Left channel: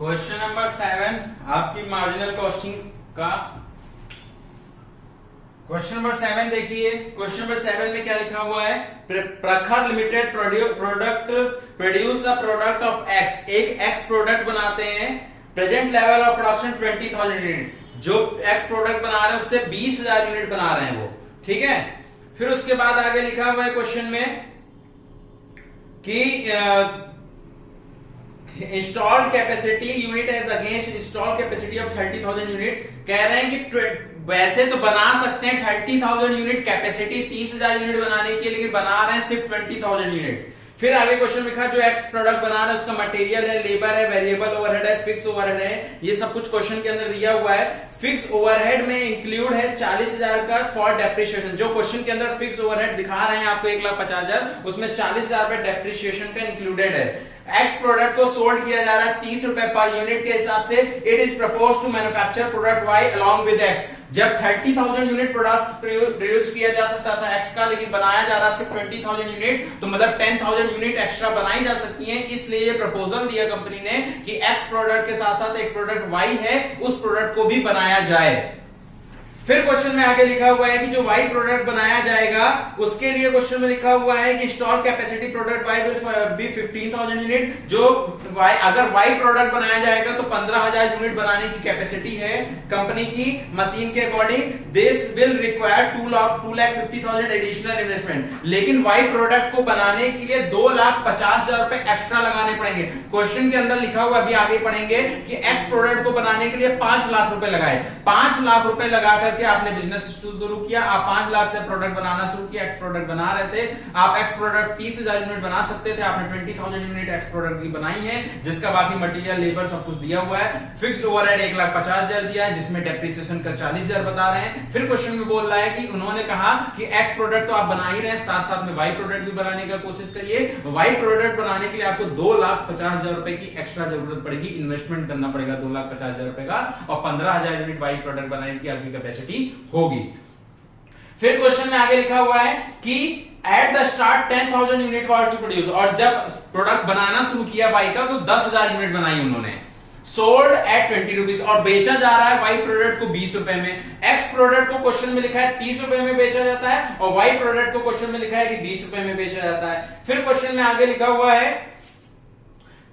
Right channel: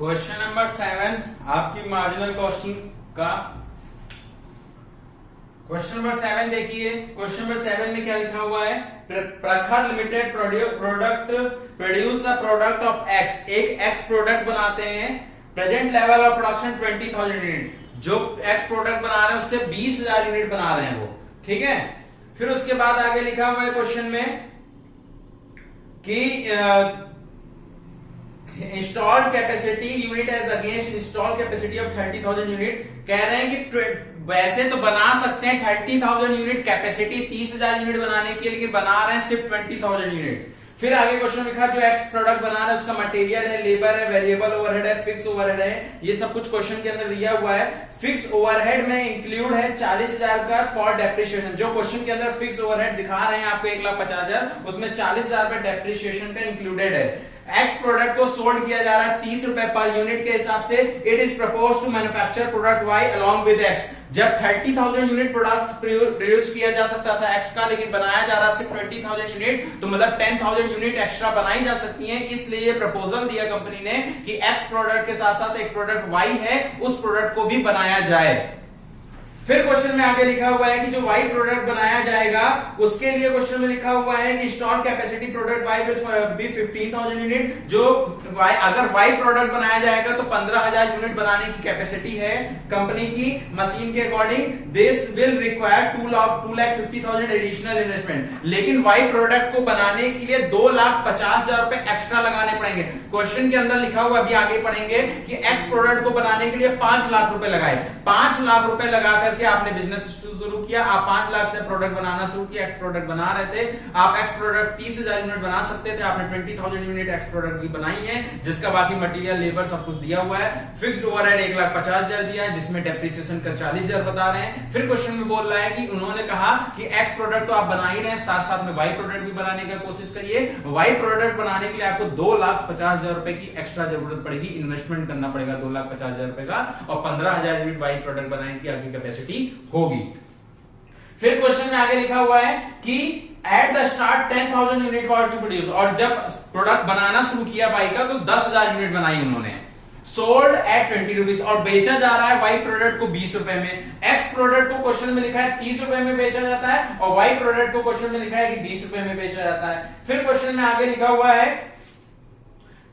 Question number 7 आपकी marginal costing का question number 7 देखिए। क्वेश्चन नंबर 7 में क्या लिखा हुआ है? प्रखर limited produce the product of x. एक एक्स प्रोडक्ट बनाते हैं, present level of production 20,000 unit. जो एक्स प्रोडक्ट बना रहे हैं उससे 20,000 यूनिट बना रहे हैं वो, ठीक है। फिर उसके बाद आगे लिखा हुआ है क्वेश्चन में कि installed capacity unit as against installed capacity of 30,000 unit. कह रहे हैं कि वैसे तो बना सकते हैं 30,000 यूनिट कैपेसिटी, 30,000 यूनिट बनाने के लिए, लेकिन बना रहे हैं सिर्फ 20,000 यूनिट। फिर आगे क्वेश्चन लिखा जो एक्स प्रोडक्ट बना रहा है उसका मटेरियल है, लेबर है, वेरिएबल ओवरहेड है, फिक्स ओवरहेड है। ये सब कुछ क्वेश्चन के अंदर दिया हुआ है। फिक्स ओवरहेड में इंक्लूड है 40,000 का फॉर डेप्रिसिएशन। जो क्वेश्चन के अंदर फिक्स ओवरहेड दिखा रहे हैं आपको 1,50,000, उसमें 40,000 रुपए डेप्रिसिएशन का इंक्लूडेड है। एक्स प्रोडक्ट को सोल्ड किया जा रहा है 30 रुपए पर यूनिट के हिसाब से। It is propose to manufacture product Y along with X. जब 30,000 यूनिट प्रोडक्ट प्रोड्यूस किया जा सकता था एक्स का, लेकिन बनाया जा रहा सिर्फ 20,000 यूनिट, तो मतलब 10,000 यूनिट एक्स्ट्रा बनाई जा सकती है। इसलिए ये प्रपोजल दिया कंपनी ने कि एक्स प्रोडक्ट के साथ साथ एक प्रोडक्ट वाई है, उस प्रोडक्ट को भी बनाया जाए। फिर क्वेश्चन में आगे लिखा हुआ है कि जो वाई प्रोडक्ट बनाया जाएगा उसके लिए क्वेश्चन में लिखा हुआ है कि install capacity product Y will be 15,000 unit. जो वाई, अगर वाई प्रोडक्ट बनाया जाएगा तो 15,000 यूनिट बनाने की कैपेसिटी है कंपनी की मशीन के according. This will require 2,50,000 additional investment. लेकिन वाई प्रोडक्ट को बनाने के लिए 2,50,000 रुपए एक्स्ट्रा लगाने पड़ेंगे। क्वेश्चन के अंदर लिखा हुआ, अभी आगे पढ़ेंगे कि एक्स प्रोडक्ट को बनाने के लिए 5 लाख रुपए लगाए। 5 लाख रुपए लगाकर आपने बिजनेस शुरू किया, आप 5 लाख से प्रोडक्ट बनाना शुरू किया, एक्स प्रोडक्ट बना रहे थे आप। एक्स प्रोडक्ट 30,000 यूनिट बना सकते थे, आपने 20,000 यूनिट एक्स प्रोडक्ट की बनाई है, जिसका बाकी मटेरियल, लेबर सब कुछ दिया हुआ है। फिक्स्ड ओवरहेड 1,50,000 दिया है, जिसमें डेप्रिसिएशन का 40,000 बता रहे हैं। फिर क्वेश्चन में बोल रहा है कि उन्होंने कहा कि एक्स प्रोडक्ट तो आप बना ही रहे हैं, साथ साथ में वाई प्रोडक्ट भी बनाने का कोशिश करिए। वाई प्रोडक्ट बनाने के लिए आपको 2,50,000 रुपए की एक्स्ट्रा जरूरत पड़ेगी, इन्वेस्टमेंट करना पड़ेगा 2,50,000 रुपए का, और 15,000 यूनिट वाई प्रोडक्ट बनाने की आगे कैपेसिटी होगी। फिर क्वेश्चन में आगे लिखा हुआ है कि at the start 10,000 unit to produce. और जब प्रोडक्ट बनाना शुरू किया वाई का तो 10,000 यूनिट बनाई उन्होंने। सोल्ड एट 20 रुपीज, और बेचा जा रहा है वाई प्रोडक्ट को 20 रुपए में। एक्स प्रोडक्ट को क्वेश्चन में लिखा है 30 रुपए में बेचा जाता है, और वाई प्रोडक्ट को क्वेश्चन में लिखा है कि 20 रुपए में बेचा जाता है। फिर क्वेश्चन में आगे लिखा हुआ है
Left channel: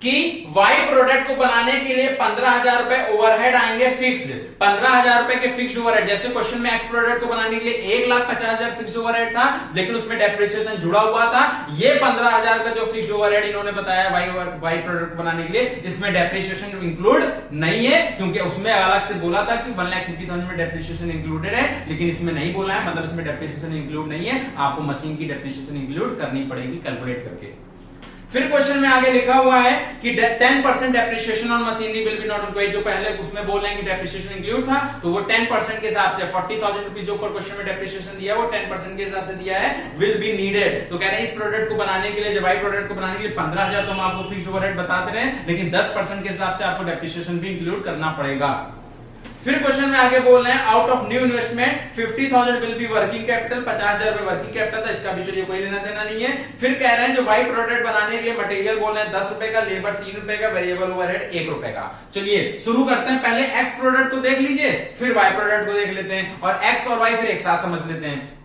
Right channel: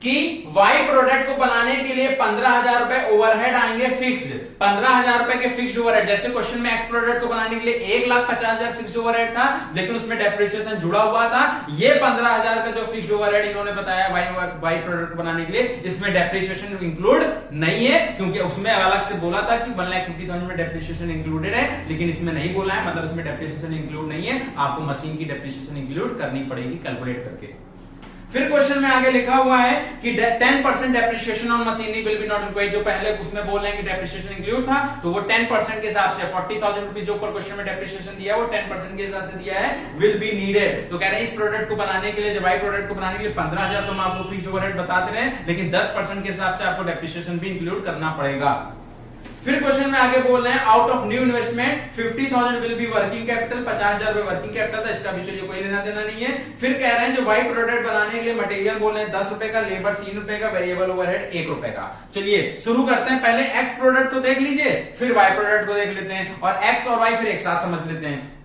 कि वाई प्रोडक्ट को बनाने के लिए 15,000 रुपए ओवरहेड आएंगे फिक्स्ड। 15,000 रुपए के फिक्स्ड ओवरहेड, जैसे क्वेश्चन में एक्स प्रोडक्ट को बनाने के लिए 1,50,000 फिक्स्ड ओवरहेड था, लेकिन उसमें डेप्रिसिएशन जुड़ा हुआ था। ये 15,000 का जो फिक्स्ड ओवरहेड इन्होंने बताया वाई प्रोडक्ट को बनाने के लिए, इसमें डेप्रिसिएशन इंक्लूड नहीं है, क्योंकि उसमें अलग से बोला था कि 1,50,000 में डेप्रिसिएशन इंक्लूडेड है, लेकिन इसमें नहीं बोला है, मतलब इसमें डेप्रिसिएशन इंक्लूड नहीं है। आपको मशीन की डेप्रिसिएशन इंक्लूड करनी पड़ेगी कैलकुलेट करके। फिर क्वेश्चन में आगे लिखा हुआ है कि 10% depreciation on machinery will be not included. जो पहले उसमें बोल रहे हैं कि डेप्रिसिएशन इंक्लूड था, तो वो 10% के हिसाब से 40,000 रुपीज जो ऊपर क्वेश्चन में डेप्रिसिएशन दिया है वो 10% के हिसाब से दिया है, विल बी नीडेड। तो कह रहे हैं इस प्रोडक्ट को बनाने के लिए, जब वाई प्रोडक्ट को बनाने के लिए 15,000 तो हम आपको फिक्स्ड ओवरहेड बताते रहे, लेकिन 10% के हिसाब से आपको डेप्रिसिएशन भी इंक्लूड करना पड़ेगा। फिर क्वेश्चन में आगे बोल रहे हैं out of new investment 50,000 will be working capital. 50,000 रुपए वर्किंग कैपिटल था, इसका भी चलिए कोई लेना देना नहीं है। फिर कह रहे हैं जो वाई प्रोडक्ट बनाने के लिए मटेरियल बोल रहे हैं 10 रुपए का, लेबर 3 रुपए का, वेरिएबल ओवरहेड 1 रुपए का। चलिए शुरू करते हैं, पहले एक्स प्रोडक्ट को देख लीजिए, फिर वाई प्रोडक्ट को देख लेते हैं, और एक्स और वाई फिर एक साथ समझ लेते हैं।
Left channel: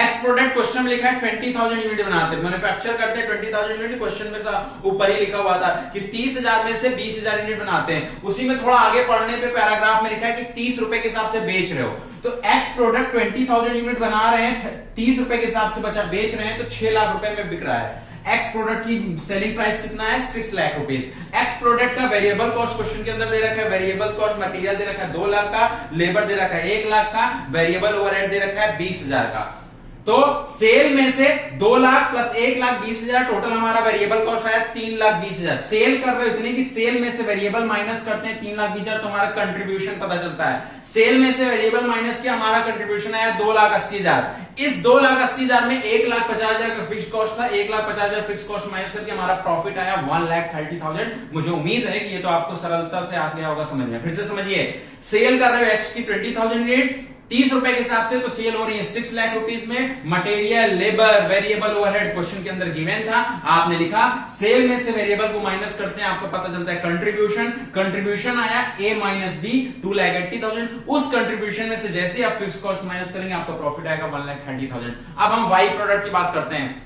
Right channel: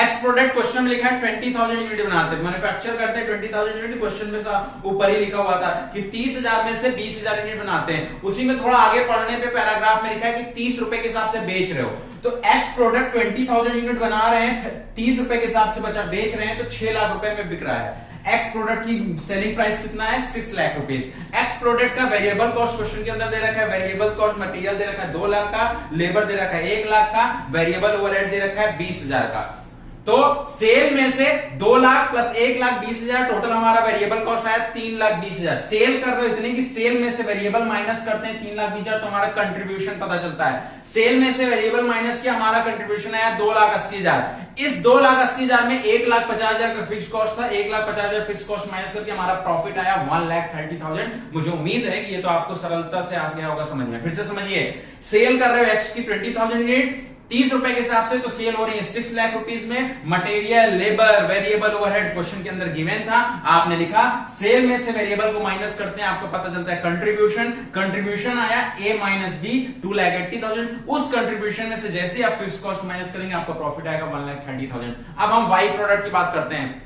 एक्स प्रोडक्ट क्वेश्चन में लिखा है 20,000 यूनिट बनाते हैं, मैन्युफैक्चर करते हैं 20,000 यूनिट। क्वेश्चन में ऊपर ही लिखा हुआ था कि 30,000 में से 20,000 यूनिट बनाते हैं। उसी में थोड़ा आगे पढ़ने पे पैराग्राफ में लिखा है कि 30 रुपए के हिसाब से बेच रहे हो। तो एक्स प्रोडक्ट 20,000 यूनिट बना रहे हैं, 30 रुपए के हिसाब से बचा बेच रहे हैं, तो 6 लाख रुपए में बिक रहा है। एक्स प्रोडक्ट की सेलिंग प्राइस कितना है? 6 लाख रुपीज। एक्स प्रोडक्ट का वेरिएबल कॉस्ट क्वेश्चन के अंदर दे रखा है, वेरिएबल कॉस्ट मटेरियल दे रखा है 2 लाख का, लेबर दे रखा है 1 लाख का, वेरिएबल ओवरहेड दे रखा है 20,000 का। तो सेल में से 2 लाख प्लस 1,20,000 टोटल हमारा वेरिएबल कॉस्ट आया 3,20,000। सेल कर रहे हो इतनी कि सेल में से वेरिएबल माइनस करते हैं 3,20,000, तो हमारा कंट्रीब्यूशन पता चलता है। सेल में से वेरिएबल माइनस किया, हमारा कंट्रीब्यूशन आया 2,80,000। इस 2,80,000 में 1,50,000 का फिक्स कॉस्ट था, 1,50,000 फिक्स कॉस्ट माइनस करके हमारा प्रॉफिट आया 1,30,000। मुझे उम्मीद है कि ये तो आपको सरलता से आ गया होगा समझ में। फिर से समझिए, सेल कर रहे हो एक्स की 20,000 यूनिट, 30 रुपए के हिसाब से तो सेल हो रही है 6 लाख रुपीज में। Material, labour, variable overhead question के अंदर गिवन था, आपने लिखा सेल में से वेरिएबल को माइनस करते हैं, आपको पता चलता है कंट्रीब्यूशन आया A माइनस B 2,80,000। उस कंट्रीब्यूशन में से जैसे ही आप फिक्स कॉस्ट माइनस करेंगे आपका प्रॉफिट आएगा 1,30,000। अब हम वाई प्रोडक्ट की बात करते हैं।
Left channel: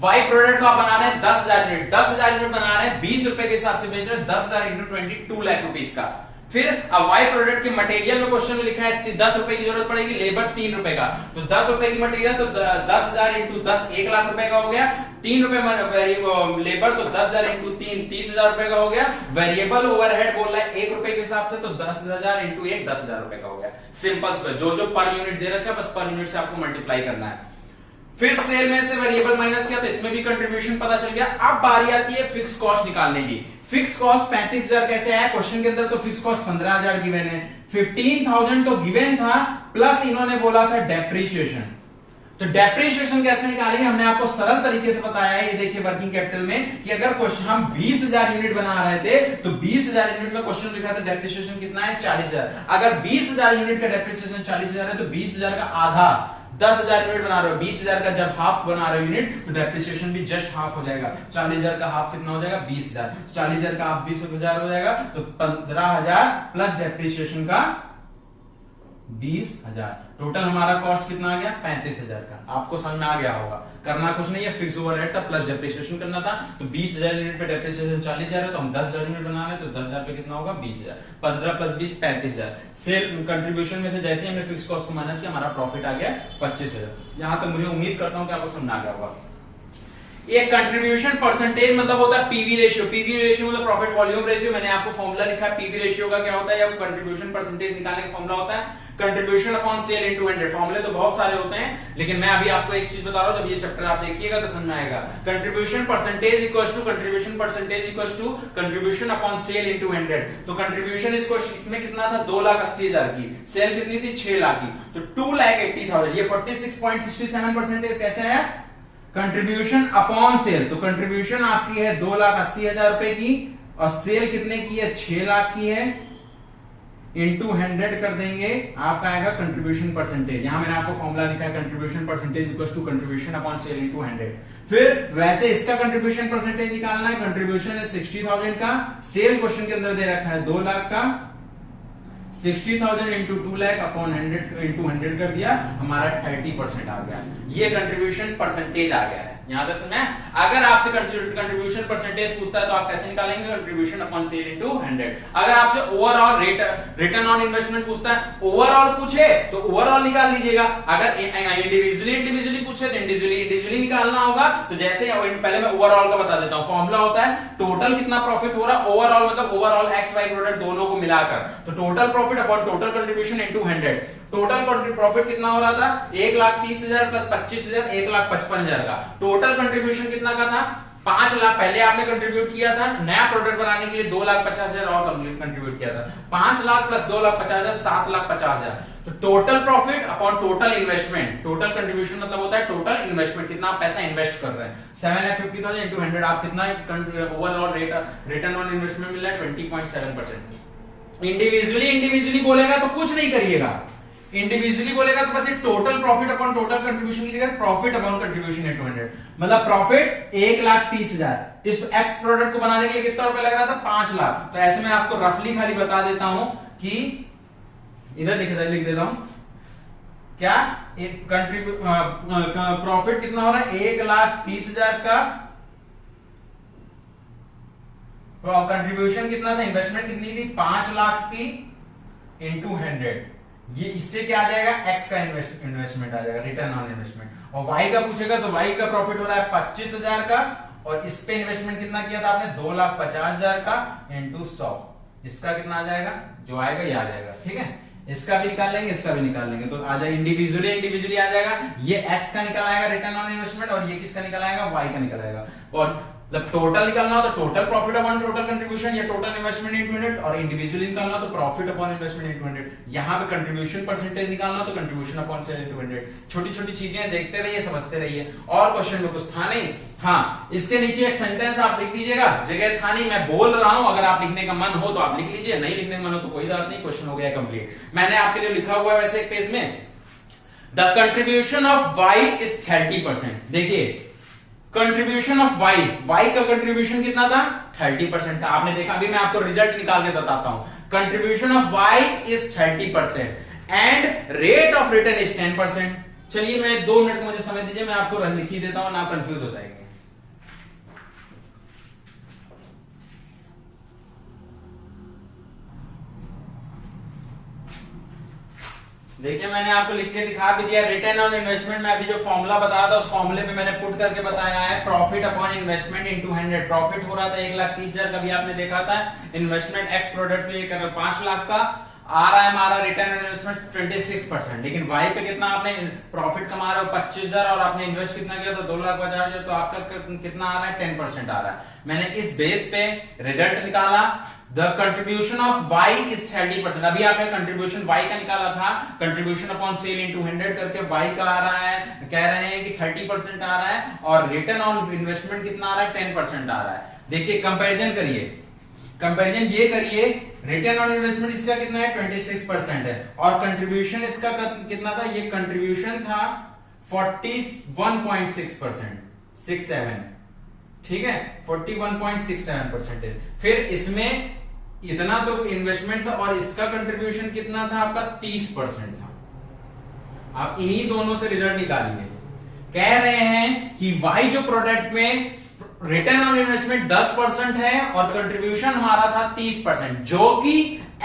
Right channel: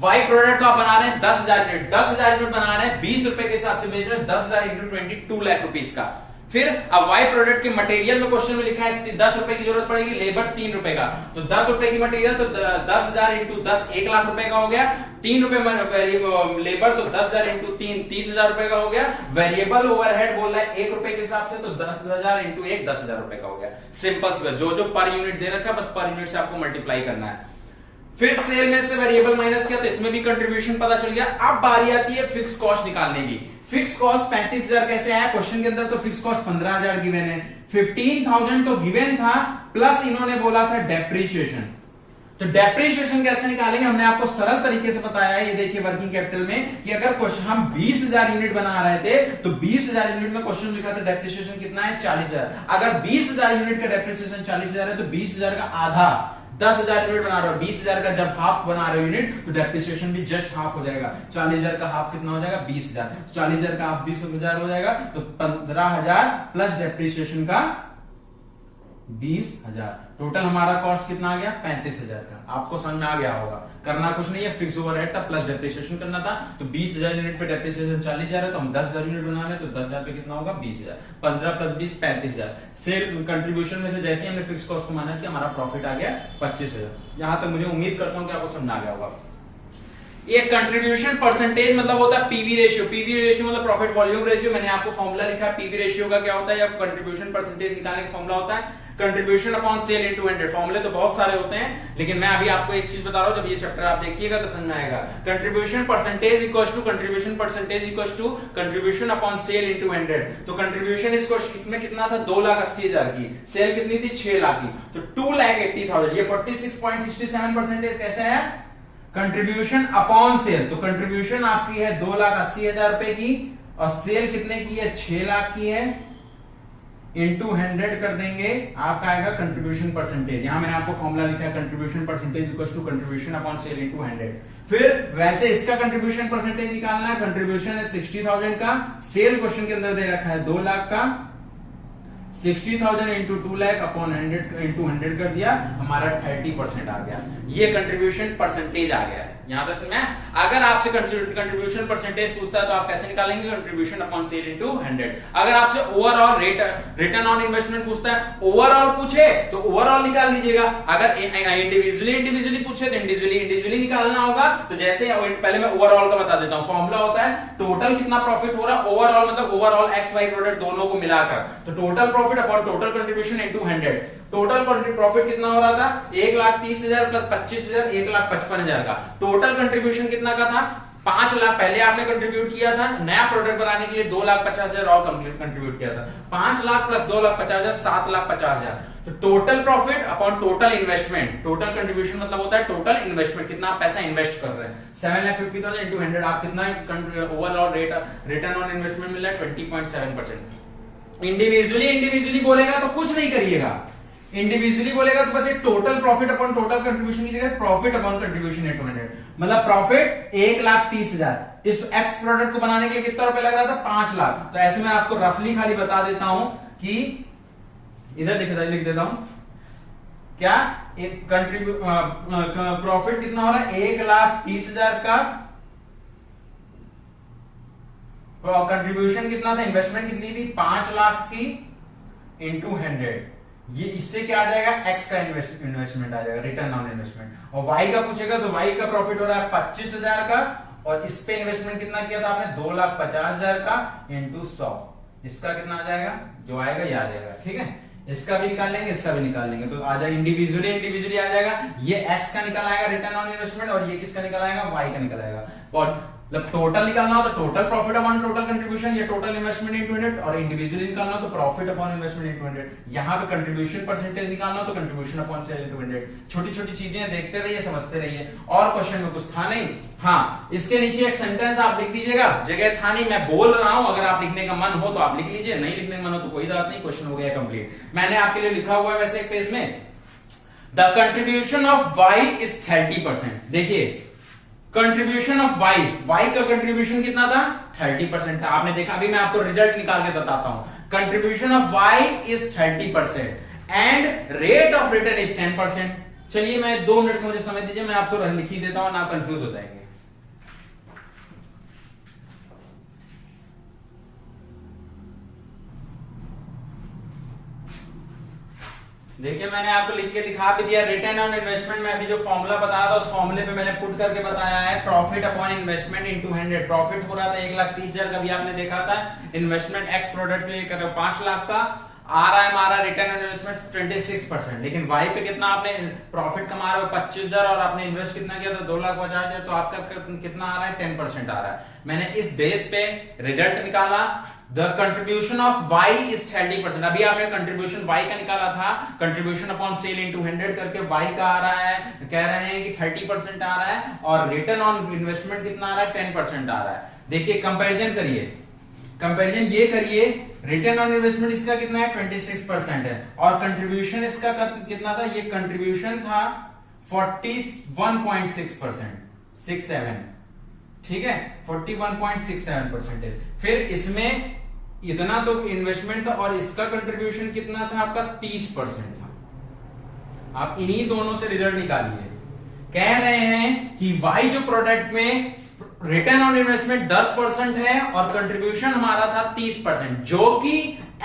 वाई प्रोडक्ट को आप बना रहे हैं 10,000 यूनिट, 10,000 यूनिट बना रहे हैं, 20 रुपए के हिसाब से बेच रहे हैं, 10,000 इंटू 20 2 लाख रुपीज का। फिर अब वाई प्रोडक्ट के मटेरियल में क्वेश्चन में लिखा है 10 रुपए की जरूरत पड़ेगी, लेबर 3 रुपए का, तो 10 रुपए की मटेरियल तो 10,000 इंटू 10 1 लाख रुपए का हो गया, 3 रुपए लेबर तो 10,000 इंटू 3 30,000 रुपए का हो गया। वेरिएबल ओवरहेड बोल रहा है 1 रुपए के हिसाब से, तो 10,000 इंटू 1 10,000 रुपए का हो गया। सिंपल, जो पर यूनिट दे रखा है बस पर यूनिट से आपको मल्टीप्लाई करना है। फिर सेल में से वेरिएबल माइनस किया तो इसमें भी कंट्रीब्यूशन पता चल गया। अब बारी आती है फिक्स कॉस्ट निकालने की। फिक्स कॉस्ट 35,000 कैसे आया क्वेश्चन के अंदर, तो फिक्स कॉस्ट 15,000 गिवन है, 15,000 तो गिवन था, प्लस इन्होंने बोला था डेप्रीशिएशन। तो डेप्रीशिएशन कैसे निकालेंगे, हमने आपको सरल तरीके से बताया है। ये देखिए वर्किंग कैपिटल में कि अगर क्वेश्चन हम 20,000 यूनिट बना रहे थे तो 20,000 यूनिट में क्वेश्चन लिखा था डेप्रीशिएशन कितना है 40,000। अगर 20,000 यूनिट का डेप्रीशिएशन 40,000 है तो 20,000 का आधा 10,000 यूनिट बना रहे हो, 20,000 का जब हाफ बना रहे हो यूनिट तो डेप्रिसिएशन भी जस्ट हाफ हो जाएगा। 40,000 का हाफ कितना हो जाएगा 20,000, 40,000 का हाफ 20,000 हो जाएगा, तो 15,000 प्लस डेप्रिसिएशन का 20,000, टोटल हमारा कॉस्ट कितना आ गया 35,000 का। आपको समझ में आ गया होगा, करना कुछ नहीं है, फिक्स ओवरहेड था प्लस डेप्रिसिएशन करना था। तो 20,000 यूनिट पे डेप्रिसिएशन 40,000 है, तो हम 10,000 यूनिट बना रहे हैं, तो 10,000 पे कितना होगा 20,000, 15 प्लस 20 35,000। सेल कंट्रीब्यूशन में से जैसे हमने फिक्स कॉस्ट को माइनस किया हमारा प्रॉफिट आ गया 25,000। यहां तक मुझे उम्मीद करता हूं कि आपको समझ आ गया होगा। ये कंट्रीब्यूशन परसेंटेज मतलब होता है पीवी रेशियो। पीवी रेशियो मतलब प्रॉफिट वॉल्यूम रेशियो। मैंने आपको फॉर्मूला लिखा है पीवी रेशियो का, क्या होता है, कंट्रीब्यूशन परसेंटेज निकालने का फॉर्मूला होता है कंट्रीब्यूशन अपॉन सेल इनटू 100। फॉर्मूले तो बहुत सारे होते हैं, लेकिन मैं अभी आपको एक चीज बता रहा हूं, जब ये चैप्टर आप देखिएगा तो समझ में आएगा। Contribution percentage equals to contribution percentage equals to contribution upon sale into 100। तो कंट्रीब्यूशन इसमें कितना था 2,80,000 की, सेल कितनी थी 6 लाख की, तो 2,80,000। ये 46.67% कैसे आया, कंट्रीब्यूशन अपॉन सेल। तो कंट्रीब्यूशन आपकी है 2,80,000 रुपए की और सेल कितने की है 6 लाख की है, इंटू 100 कर देंगे, आपका आएगा कंट्रीब्यूशन परसेंटेज। यहां मैंने आपको फॉर्मूला लिखा है contribution percentage equals to contribution upon sale into 100। फिर वैसे इसका कंट्रीब्यूशन परसेंटेज निकालना है, कंट्रीब्यूशन है 60,000 का, सेल क्वेश्चन के अंदर दे रखा है 2 लाख का, 60,000 इंटू 2 लाख अपॉन 100 इंटू 100 कर दिया, हमारा 30% आ गया। ये कंट्रीब्यूशन परसेंटेज आ गया है। यहां तक समझ, अगर आपसे कंट्रीब्यूशन परसेंटेज पूछता है तो आप कैसे निकालेंगे, कंट्रीब्यूशन अपॉन सेल इनटू 100। अगर आपसे ओवरऑल रिटर्न ऑन इन्वेस्टमेंट पूछता है, ओवरऑल पूछे तो ओवरऑल निकाल लीजिएगा, अगर इंडिविजुअली पूछे तो इंडिविजुअली निकालना होगा। तो जैसे पहले मैं ओवरऑल का बता देता हूं, फॉर्मूला होता है टोटल कितना प्रॉफिट हो रहा है, ओवरऑल मतलब ओवरऑल एक्स वाई प्रोडक्ट दोनों को मिलाकर, तो total profit upon total contribution into 100। Total profit कितना हो रहा था 1,30,000 प्लस 25,000 1,55,000 का। टोटल कंट्रीब्यूशन कितना का था 5 लाख, पहले आपने कंट्रीब्यूट किया था नया प्रोडक्ट बनाने के लिए 2,50,000 और कंट्रीब्यूट किया था, 5 लाख प्लस 2,50,000 7,50,000। तो total profit upon total investment, total contribution मतलब होता है टोटल इन्वेस्टमेंट, कितना आप पैसा इन्वेस्ट कर रहे हैं, 7,50,000 इंटू 100, आप कितना ओवरऑल रिटर्न ऑन इन्वेस्टमेंट मिला है 20.7%। इंडिविजुअली बोलेगा तो कुछ नहीं करिएगा, इंडिविजुअली बोलेगा तो बस total profit upon total contribution की जगह प्रॉफिट अपॉन कंट्रीब्यूशन इनटू 100, मतलब प्रॉफिट 1,30,000। इस एक्स प्रोडक्ट को बनाने के लिए कितना रुपए लग रहा था 5 लाख। तो ऐसे में आपको रफली खाली बता देता हूं कि इधर लिख देता हूं क्या, प्रॉफिट कितना हो रहा है 1,30,000 का, कंट्रीब्यूशन कितना था, इन्वेस्टमेंट कितनी थी 5 लाख की इंटू 100। ये इससे क्या आ जाएगा एक्स का इन्वेस्टमेंट आ जाएगा, रिटर्न ऑन इन्वेस्टमेंट। और वाई का पूछेगा तो वाई का प्रॉफिट हो रहा है 25,000 का, और इस पे इन्वेस्टमेंट कितना किया था आपने 2,50,000 का इंटू 100। इसका कितना आ जाएगा, जो आएगा ये आ जाएगा, ठीक है। इसका भी निकाल लेंगे, इसका भी निकाल लेंगे, तो आ जाएगा इंडिविजुअली आ जाएगा। ये एक्स का निकल आएगा रिटर्न ऑन इन्वेस्टमेंट, और ये किसका निकल आएगा वाई का निकल आएगा। और जब टोटल निकालना हो तो total profit upon total contribution या टोटल इन्वेस्टमेंट इनटू 100, और इंडिविजुअली निकालना हो तो प्रॉफिट अपॉन इन्वेस्टमेंट इनटू 100। यहाँ पे कंट्रीब्यूशन परसेंटेज निकालना हो तो कंट्रीब्यूशन अपॉन सेल इनटू 100। छोटी छोटी चीजें देखते रहिए, समझते रहिए। और क्वेश्चन में कुछ था नहीं। हाँ, इसके नीचे एक सेंटेंस आप लिख दीजिएगा, जगह था नहीं, मैं बोल रहा हूं, अगर आप लिखने का मन हो तो आप लिख लीजिए, नहीं लिखने का मन हो तो कोई बात नहीं, क्वेश्चन हो गया कंप्लीट। मैंने आपके लिए लिखा हुआ है वैसे एक पेज में, the contribution of Y is 30%। देखिए कंट्रीब्यूशन ऑफ वाई, वाई का कंट्रीब्यूशन कितना था? 30% था। आपने देखा, अभी मैं आपको रिजल्ट निकाल के बताता हूं। Contribution of Y is 30% and rate of return is 10%। चलिए मैं 2 मिनट मुझे समय दीजिए, मैं आपको लिख ही देता हूं, ना कंफ्यूज हो जाएंगे। देखिए मैंने आपको लिख के दिखा भी दिया, रिटर्न ऑन इन्वेस्टमेंट में अभी जो फॉर्मूला बताया था उस फॉर्मूले पे मैंने पुट करके बताया है, profit upon investment into 100। Profit हो रहा था 1,30,000 का, भी आपने देखा था। इन्वेस्टमेंट एक्स प्रोडक्ट पे कर 5 लाख का आ रहा है हमारा, रिटर्न ऑन इन्वेस्टमेंट 26%। लेकिन वाई पे कितना आपने प्रॉफिट कमा रहे हो? 25,000, और आपने इन्वेस्ट कितना किया? तो 2,50,000, तो आपका कितना आ रहा है? 10% आ रहा है। मैंने इस बेस पे रिजल्ट निकाला, the contribution of Y is 30%। अभी आपने कंट्रीब्यूशन वाई का निकाला था, कंट्रीब्यूशन अपॉन सेल इनटू 100 करके वाई का आ रहा है, कह रहे हैं कि 30% आ रहा है, और रिटर्न ऑन इन्वेस्टमेंट कितना आ रहा है? 10% आ रहा है। देखिए कंपैरिजन करिए, कंपैरिजन ये करिए, रिटर्न ऑन इन्वेस्टमेंट इसका कितना है? 26% है, और कंट्रीब्यूशन इसका कितना था? ये कंट्रीब्यूशन था 41.6%, 67, ठीक है, 41.67%। फिर इसमें इतना तो इन्वेस्टमेंट था, और इसका कंट्रीब्यूशन कितना था आपका? 30% था। आप इन्हीं दोनों से रिजल्ट निकालिए। कह रहे हैं कि वाई जो प्रोडक्ट में रिटर्न ऑन इन्वेस्टमेंट 10% है और कंट्रीब्यूशन हमारा था 30%, जो कि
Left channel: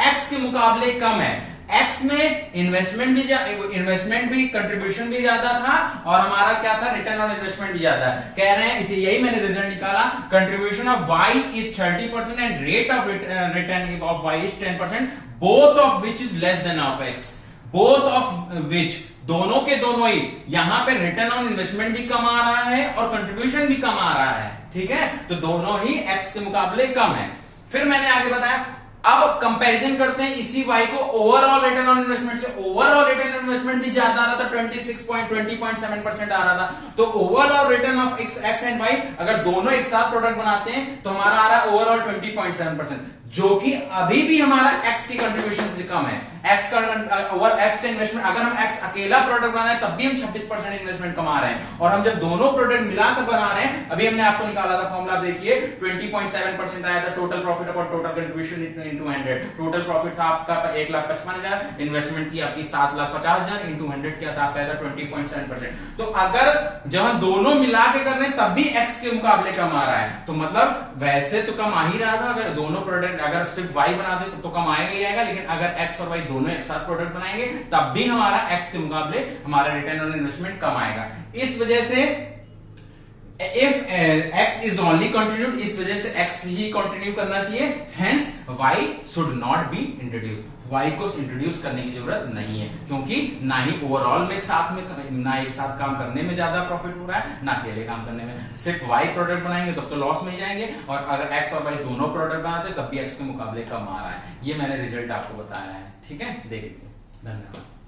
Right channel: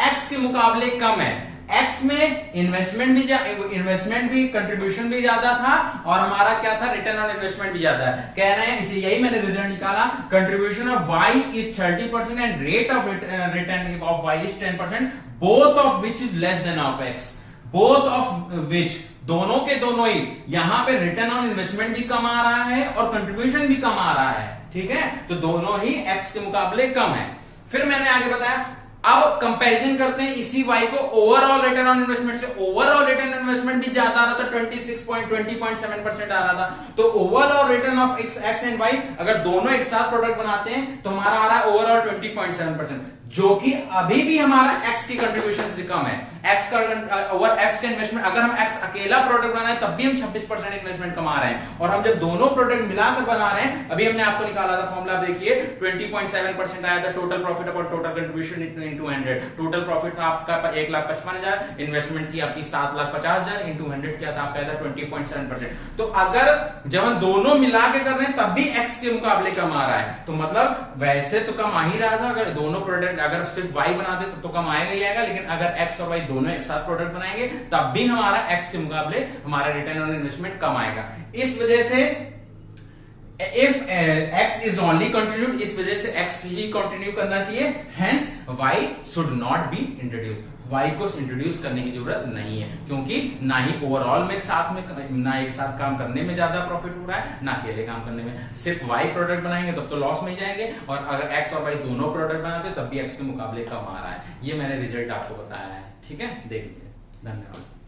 एक्स के मुकाबले कम है। एक्स में इन्वेस्टमेंट भी कंट्रीब्यूशन भी ज्यादा था, और हमारा क्या था? रिटर्न ऑन इन्वेस्टमेंट भी ज्यादा है। कह रहे हैं, इसे यही मैंने रिजल्ट निकाला, contribution of Y is 30% and rate of return of Y is 10%, both of which is less than of X. Both of which, दोनों के दोनों ही, यहां पे रिटर्न ऑन इन्वेस्टमेंट भी कम आ रहा है और कंट्रीब्यूशन भी कम आ रहा है, ठीक है, तो दोनों ही एक्स के मुकाबले कम है। फिर मैंने आगे बताया, अब कंपैरिजन करते हैं इसी वाई को ओवरऑल रिटर्न ऑन इन्वेस्टमेंट से। ओवरऑल रिटर्न ऑन इन्वेस्टमेंट भी ज्यादा आ रहा था, 20.7% आ रहा था। तो overall return of X and Y, अगर दोनों एक साथ प्रोडक्ट बनाते हैं तो हमारा आ रहा है ओवरऑल 20.7%, जो कि अभी भी हमारा एक्स की कंट्रीब्यूशन से कम है। एक्स का ओवर एक्स का इन्वेस्टमेंट, अगर हम एक्स अकेला प्रोडक्ट बना रहे हैं तब भी हम 26% इन्वेस्टमेंट कमा रहे हैं, और हम जब दोनों प्रोडक्ट मिलाकर बना रहे हैं, अभी हमने आपको निकाला था फॉर्मूला, देखिए 20.7% आया था total profit upon total contribution into 100। Total profit था आपका 1,55,000, इन्वेस्टमेंट थी आपकी 7,50,000, इनटू 100 किया था आपका 20.7%। तो अगर जब हम दोनों मिला के कर रहे हैं तब भी एक्स के मुकाबले कम आ रहा है, तो मतलब वैसे तो कम आ ही रहा था। अगर दोनों प्रोडक्ट, अगर सिर्फ वाई बनाते तो कम आएगा ही आएगा, लेकिन अगर एक्स और वाई दोनों एक साथ प्रोडक्ट बनाएंगे तब भी हमारा एक्स के मुकाबले हमारा रिटर्न ऑन इन्वेस्टमेंट कम आएगा। इस वजह से if X is only continued, इस वजह से एक्स ही कंटिन्यू करना चाहिए, hence Y should not be introduce. Y को इंट्रोड्यूस करने की जरूरत नहीं है, क्योंकि ना ही ओवरऑल में साथ में, ना एक साथ काम करने में ज्यादा प्रॉफिट हो रहा है, ना अकेले काम करने में। सिर्फ वाई प्रोडक्ट बनाएंगे तब तो लॉस में जाएंगे, और अगर एक्स और वाई दोनों प्रोडक्ट बनाते तब भी एक्स के मुकाबले कम आ रहा है। ये मैंने रिजल्ट आपको बताया है, ठीक है, देख लीजिए। धन्यवाद।